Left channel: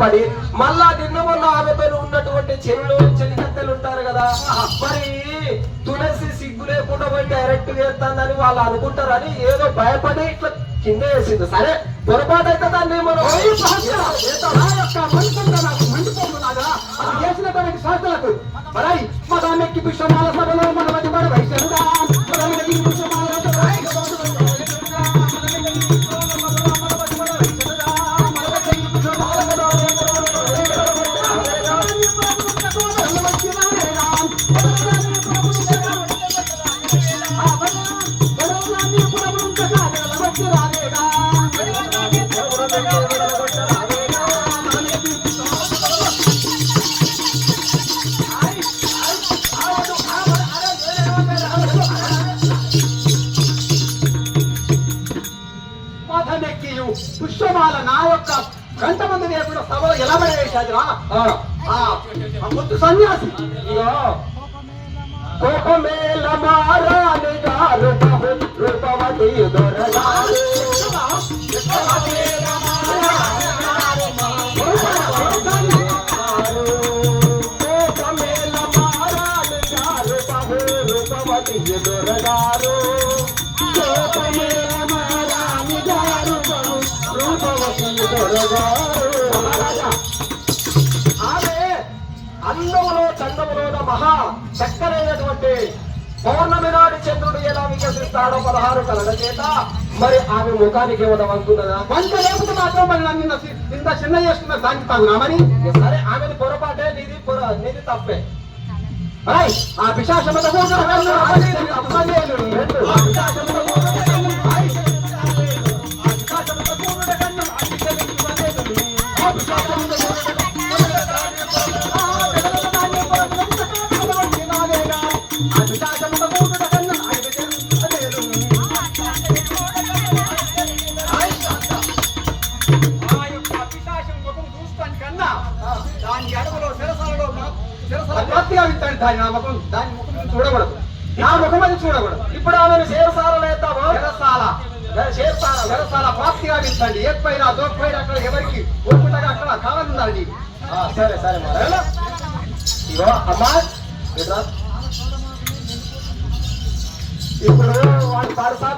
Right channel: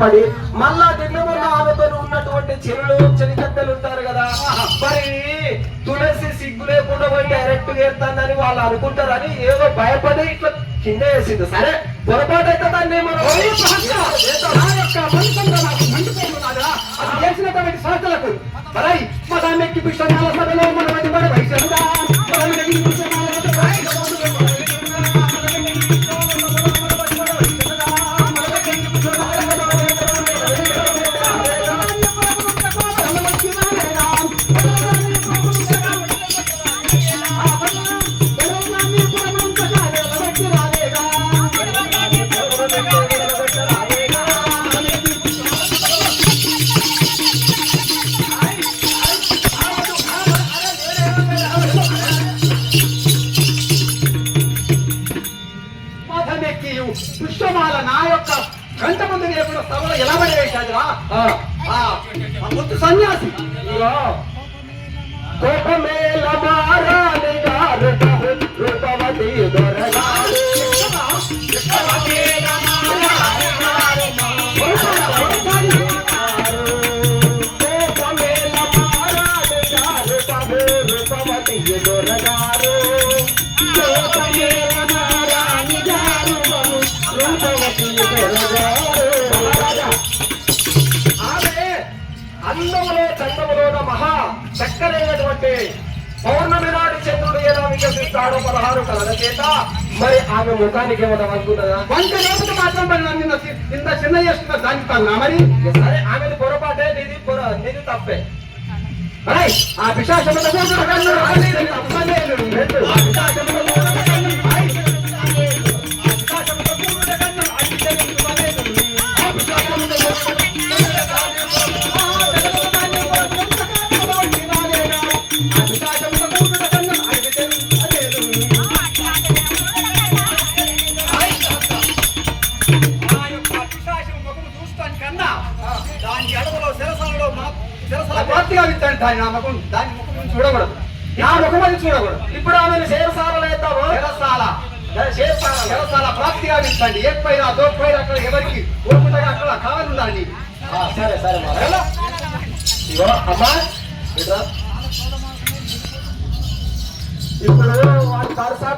భయపడి మళ్ళా నిన్న మొన్న ఆమెతో ఉన్నటువంటి చెరువులు చెలికత్తెలు ఉంటారు కదా, మరి తులసి సిగ్గు లేకుండా పోయి డైరెక్ట్ చేస్తానని వాళ్ళు అనుకుంటారని ఏదో భయపడి ఇట్లా కింద వేసింది. సరే పొరపాటు అయితే దాన్ని మనం చేసినటువంటి సంస్థలకు మరి మా దాన్ని ఎక్కి పుష్పమాల సభలో మన కూడా వయసుడా పుష్పమాల నా యొక్క గంట మంది లేకుండా సభలో ఎలా పడేసాడురా ముత్తు సన్యాసి కోపమేల మారాని గారు రూపవతి దొరగారు రూపవతి దొరగారు ఆమె అందములో చందములోన మహా చక్కరైనటువంటి పౌర్ణమి నాటి చంద్రుడు ఎలా వికసిస్తాడో 16 కళల చేత మరి ఆమె ముఖానికి ఏమైనా వంతున్నదా? వంట లేకపోతే మాత్రం మరి నన్ను ఇంత చిన్న చేస్తున్నా దానికి తాను మరి సరే ఆమెది పొరపాటే, నీది తప్పే. ఆ పిశాచం దాని ముఖం చూడకూడదు, నా ముఖం అది చూడకూడదు. ఇప్పుడు ఆమెను శేరసారలేద్దాము. శేరసాల ప్రాప్తిగా వింటండి. ఎక్కడైనా దోపైనా అక్కడ ఎవరికి ఓపుతాగా అక్కడ కావాలండి. సరే సరే మరి ఇగో అమ్మా ఇప్పుడు వాడి పరసా